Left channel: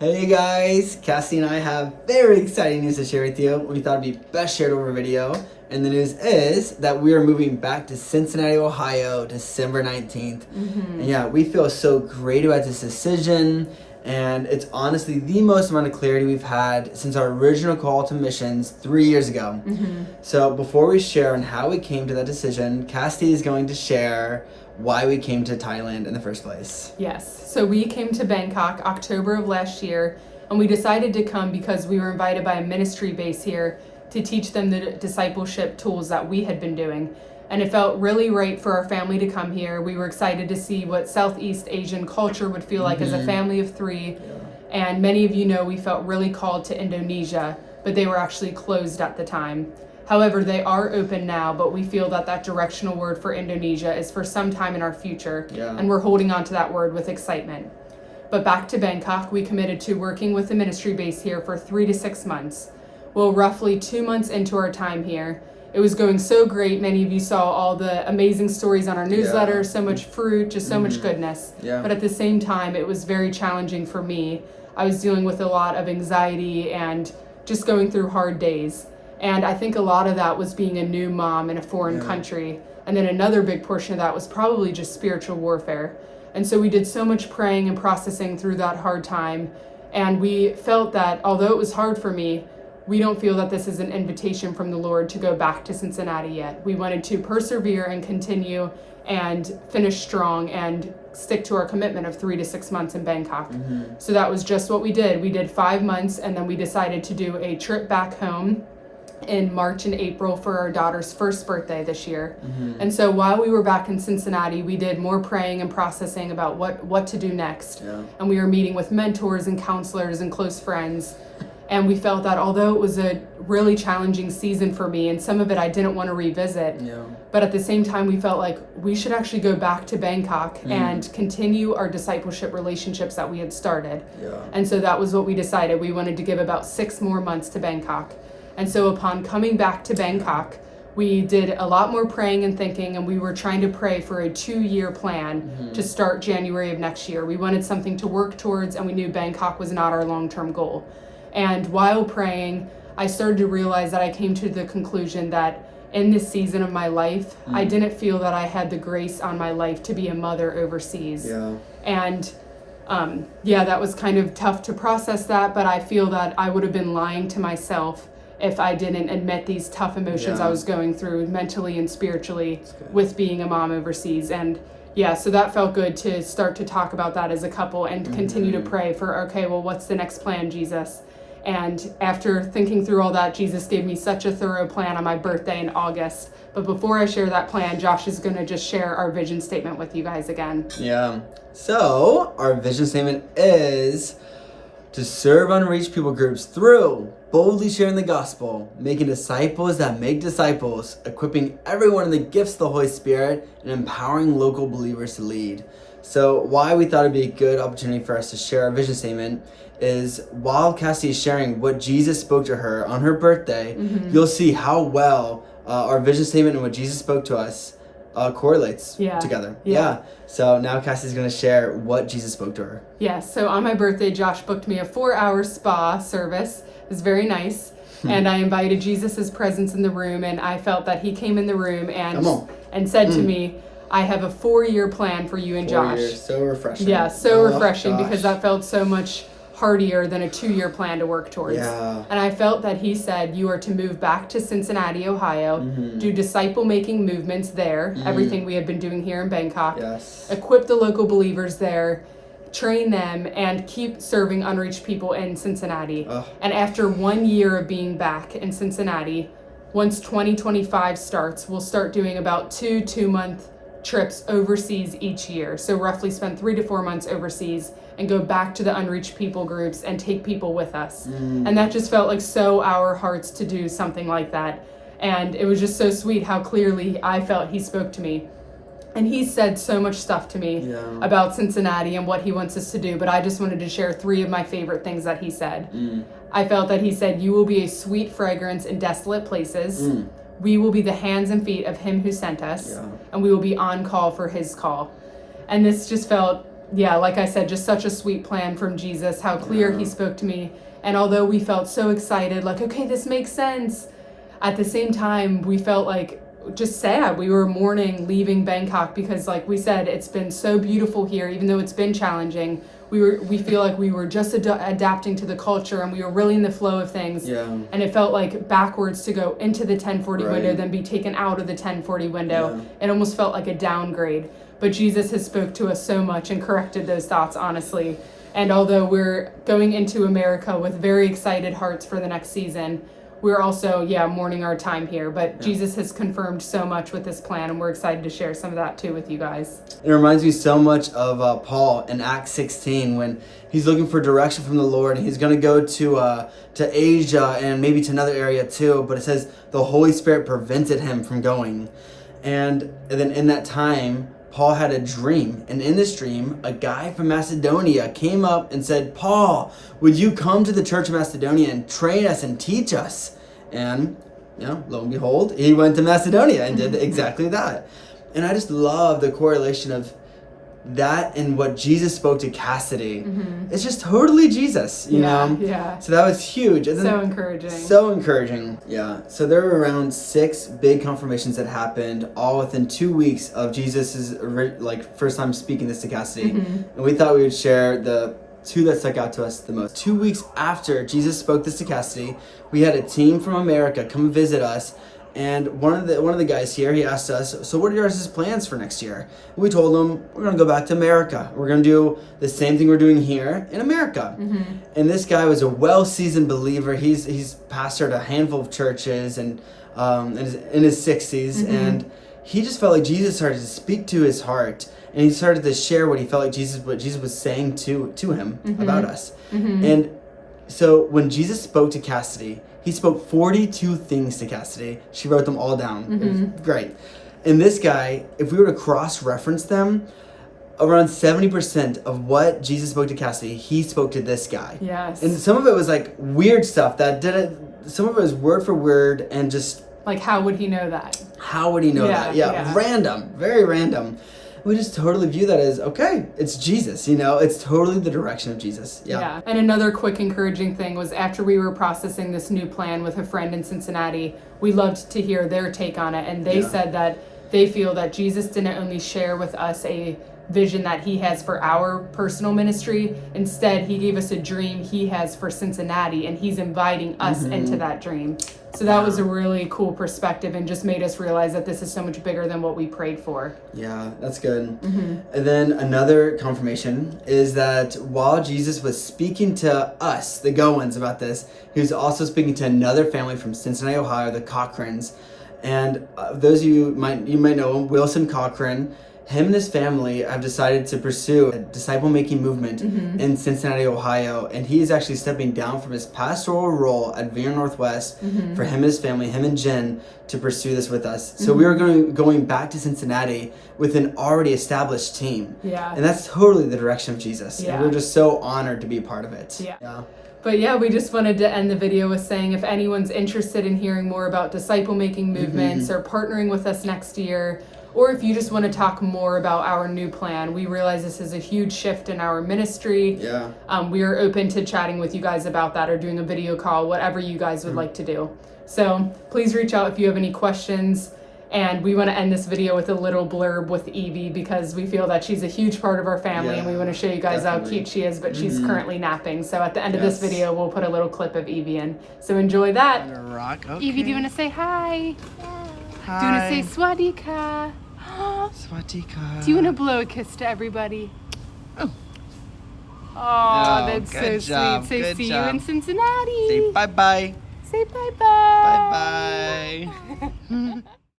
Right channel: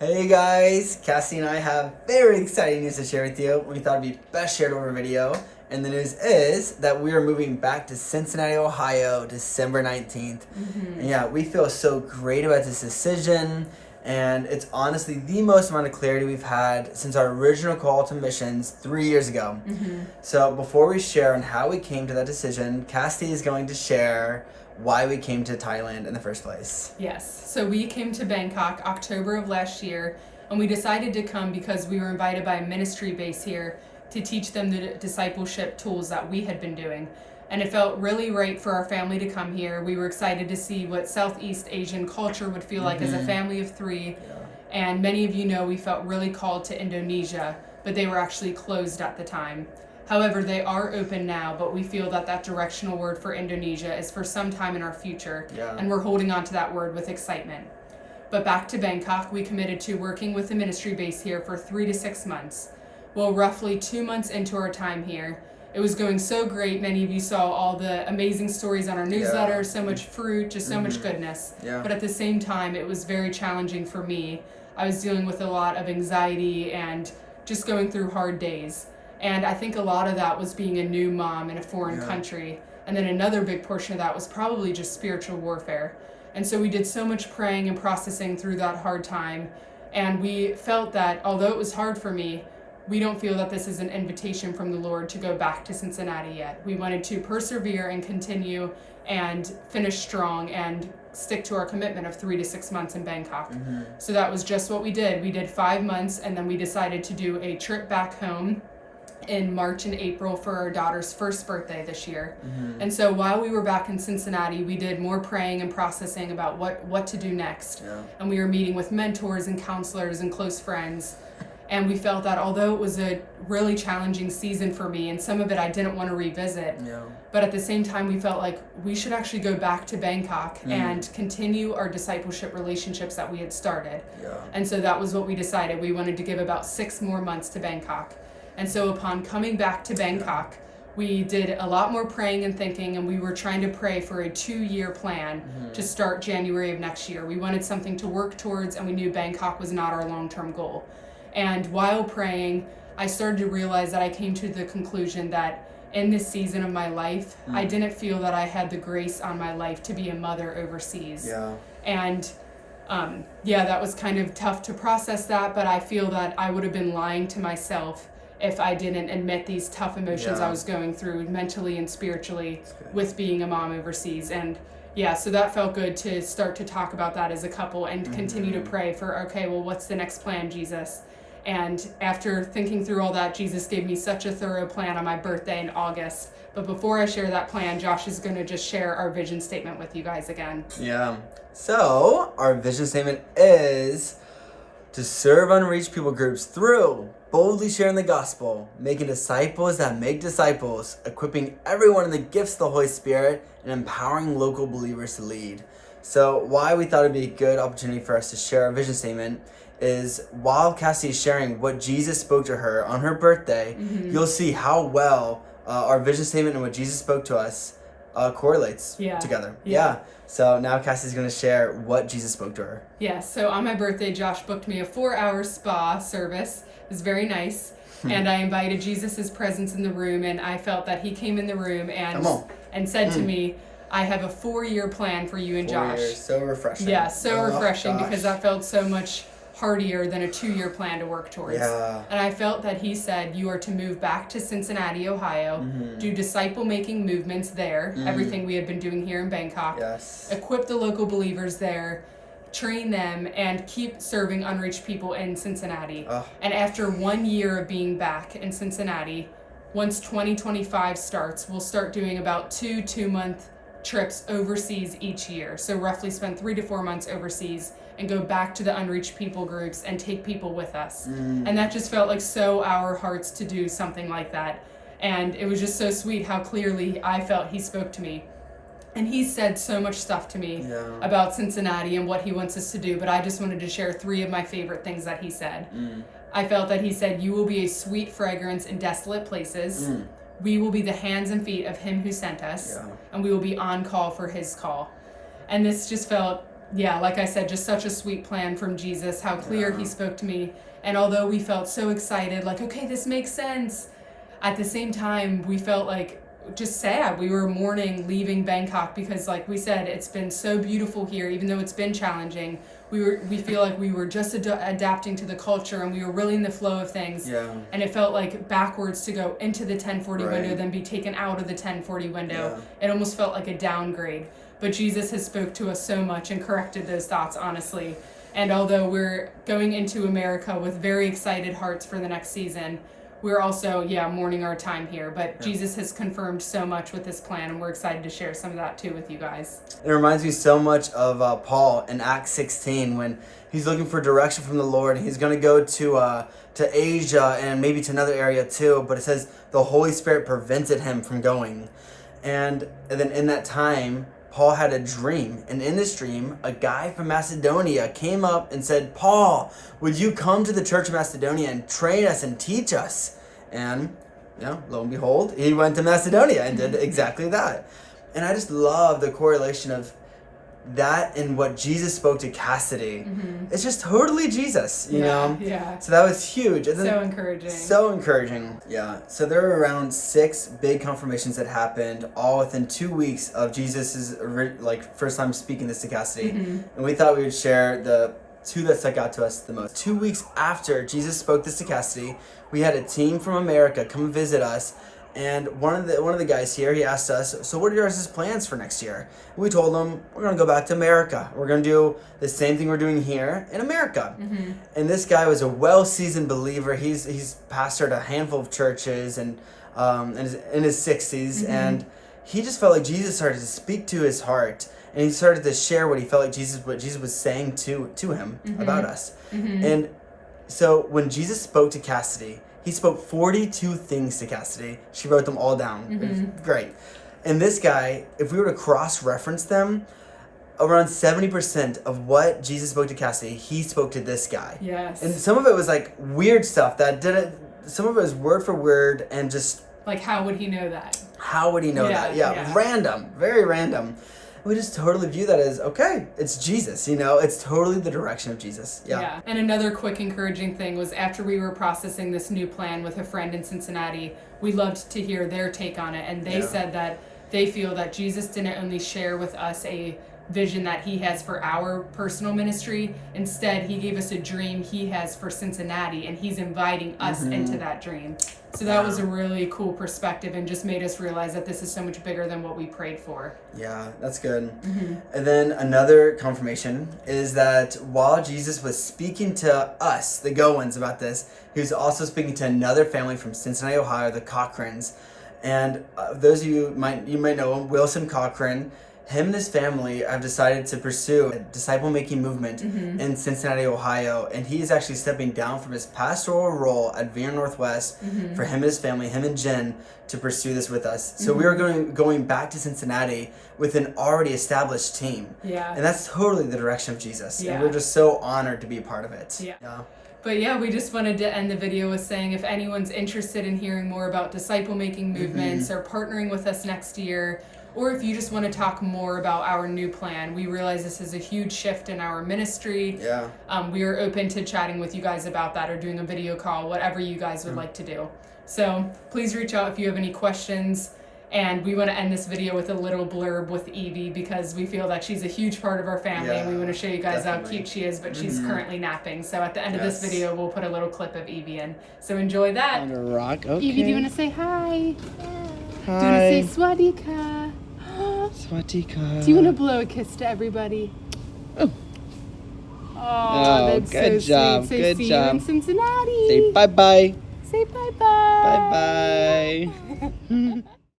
Hey guys, Cassie and I have very exciting news to share with you. We thought it'd be best shared over video. And the news is that we are moving back to Cincinnati, Ohio, December 19th. And yeah, we feel so great about this decision. And it's honestly the most amount of clarity we've had since our original call to missions 3 years ago. So before we share on how we came to that decision, Cassie is going to share why we came to Thailand in the first place. Yes, so we came to Bangkok October of last year, and we decided to come because we were invited by a ministry base here to teach them the discipleship tools that we had been doing. And it felt really right for our family to come here. We were excited to see what Southeast Asian culture would feel like as a family of three. And many of you know we felt really called to Indonesia, but they were actually closed at the time. However, they are open now, but we feel that that directional word for Indonesia is for some time in our future, and we're holding on to that word with excitement. But back to Bangkok, we committed to working with the ministry base here for 3 to 6 months. Well, roughly 2 months into our time here, it was going so great. Many of you saw all the amazing stories on our newsletter, so much fruit, just so much goodness. But at the same time, it was very challenging for me. I was dealing with a lot of anxiety and just going through hard days. And I think a lot of that was being a new mom in a foreign country. And then another big portion of that was probably just spiritual warfare. And so we did so much praying and processing through that hard time. And we felt that although it was hard for me, we don't feel that this is an invitation from the Lord to go back to Cincinnati yet. We wanted to persevere and continue and finish strong and stick to our commitment of 3 to 6 months in Bangkok. So that was just what we did. We did 5 months, and then we decided to do a trip back home in March and April for our daughter's first birthday this year. And so while we were back in Cincinnati, we did more praying and processing about what to do next. And we were meeting with mentors and counselors and close friends. And we felt that although it was a really challenging season for me, and some of it I didn't want to revisit, but at the same time we felt like we should actually go back to Bangkok and continue our discipleship relationships that we had started. And so that was what we decided. We wanted to give about 6 more months to Bangkok. And so upon coming back to Bangkok, we did a lot more praying and thinking, and we were trying to pray for a 2-year plan to start January of next year. We wanted something to work towards, and we knew Bangkok was not our long-term goal. And while praying, I started to realize that I came to the conclusion that in this season of my life, I didn't feel that I had the grace on my life to be a mother overseas. And that was kind of tough to process that, but I feel that I would have been lying to myself if I didn't admit these tough emotions I was going through mentally and spiritually with being a mom overseas. And so that felt good to start to talk about that as a couple and continue to pray for, okay, well, what's the next plan, Jesus? And after thinking through all that, Jesus gave me such a thorough plan on my birthday in August. But before I share that plan, Josh is going to just share our vision statement with you guys again. So our vision statement is to serve unreached people groups through boldly sharing the gospel, making disciples that make disciples, equipping everyone in the gifts of the Holy Spirit, and empowering local believers to lead. So why we thought it'd be a good opportunity for us to share our vision statement is while Cassie is sharing what Jesus spoke to her on her birthday, you'll see how well our vision statement and what Jesus spoke to us correlates together. So now Cassie's going to share what Jesus spoke to her. So on my birthday, Josh booked me a 4-hour spa service. It was very nice. And I invited Jesus' presence in the room, and I felt that he came in the room and said to me, I have a 4-year plan for you and 4 Josh. years, so refreshing. Refreshing because that felt so much hardier than a 2-year plan to work towards. And I felt that he said, you are to move back to Cincinnati, Ohio, do disciple-making movements there, everything we had been doing here in Bangkok, equip the local believers there, train them, and keep serving unreached people in Cincinnati. And after 1 year of being back in Cincinnati, once 2025 starts, we'll start doing about 2 2-month trips overseas each year. So roughly spend 3 to 4 months overseas and go back to the unreached people groups and take people with us. And that just felt like so our hearts to do something like that. And it was just so sweet how clearly I felt he spoke to me. And he said so much stuff to me about Cincinnati and what he wants us to do, but I just wanted to share 3 of my favorite things that he said. I felt that he said, you will be a sweet fragrance in desolate places. We will be the hands and feet of him who sent us, and we will be on call for his call. And this just felt yeah, like I said, just such a sweet plan from Jesus, how clear he spoke to me. And although we felt so excited, like, okay, this makes sense, at the same time, we felt like just sad. We were mourning leaving Bangkok because, like we said, it's been so beautiful here, even though it's been challenging. We feel like we were just adapting to the culture, and we were really in the flow of things. Yeah. And it felt like backwards to go into the 1040 Right. window, then be taken out of the 1040 window. It almost felt like a downgrade. But Jesus has spoke to us so much and corrected those thoughts, honestly. And although we're going into America with very excited hearts for the next season, we're also, mourning our time here. But Jesus has confirmed so much with this plan, and we're excited to share some of that too with you guys. It reminds me so much of Paul in Acts 16 when he's looking for direction from the Lord. And he's going to go to Asia and maybe to another area too. But it says the Holy Spirit prevented him from going. And then in that time, Paul had a dream, and in this dream, a guy from Macedonia came up and said, Paul, would you come to the church of Macedonia and train us and teach us? And, lo and behold, he went to Macedonia and did exactly that. And I just love the correlation of that and what Jesus spoke to Cassidy. It's just totally Jesus, you know? Yeah. So that was huge. And then, So encouraging. So encouraging. Yeah. So there were around 6 big confirmations that happened all within 2 weeks of Jesus's first time speaking this to Cassidy. And we thought we would share the 2 that stuck out to us the most. 2 weeks after Jesus spoke this to Cassidy, we had a team from America come visit us. And one of the guys here, he asked us, so what are your guys' plans for next year? And we told him, we're going to go back to America. We're going to do the same thing we're doing here in America. And this guy was a well-seasoned believer. He's pastored a handful of churches and in his 60s. And he just felt like Jesus started to speak to his heart. And he started to share what he felt like what Jesus was saying to him about us. And so when Jesus spoke to Cassidy, he spoke 42 things to Cassidy. She wrote them all down. It was great. And this guy, if we were to cross-reference them, around 70% of what Jesus spoke to Cassidy, he spoke to this guy. Yes. And some of it was like weird stuff that didn't, some of it was word for word and just... Like, how would he know that? How would he know that? Yeah, random, very random. We just totally view that as, okay, it's Jesus, it's totally the direction of Jesus. Yeah. And another quick encouraging thing was after we were processing this new plan with a friend in Cincinnati, we loved to hear their take on it. And they said that they feel that Jesus didn't only share with us a vision that he has for our personal ministry. Instead, he gave us a dream he has for Cincinnati, and he's inviting us into that dream. So that was a really cool perspective and just made us realize that this is so much bigger than what we prayed for. Yeah, that's good. And then another confirmation is that while Jesus was speaking to us, the Gowins, about this, he was also speaking to another family from Cincinnati, Ohio, the Cochrans. And those of you might know him, Wilson Cochran. Him and his family have decided to pursue a disciple-making movement in Cincinnati, Ohio, and he is actually stepping down from his pastoral role at Veer Northwest for him and his family, him and Jen, to pursue this with us. So we are going back to Cincinnati with an already established team. Yeah. And that's totally the direction of Jesus. And we're just so honored to be a part of it. Yeah. But we just wanted to end the video with saying if anyone's interested in hearing more about disciple-making movements or partnering with us next year, or if you just want to talk more about our new plan, we realize this is a huge shift in our ministry. Yeah. We are open to chatting with you guys about that or doing a video call, whatever you guys would like to do. So please reach out if you have any questions. And we want to end this video with a little blurb with Evie because we feel that she's a huge part of our family and we want to show you guys how cute she is, but she's currently napping. So at the end of this video, we'll put a little clip of Evie in. So enjoy that. Evie, do you want to say hi? Hi. Do you want to say swadika? Swadika. Do you want to blow a kiss to everybody? Oh, that's so job, sweet. Say good see job. you in Cincinnati. Say bye-bye. Say bye-bye. Bye-bye.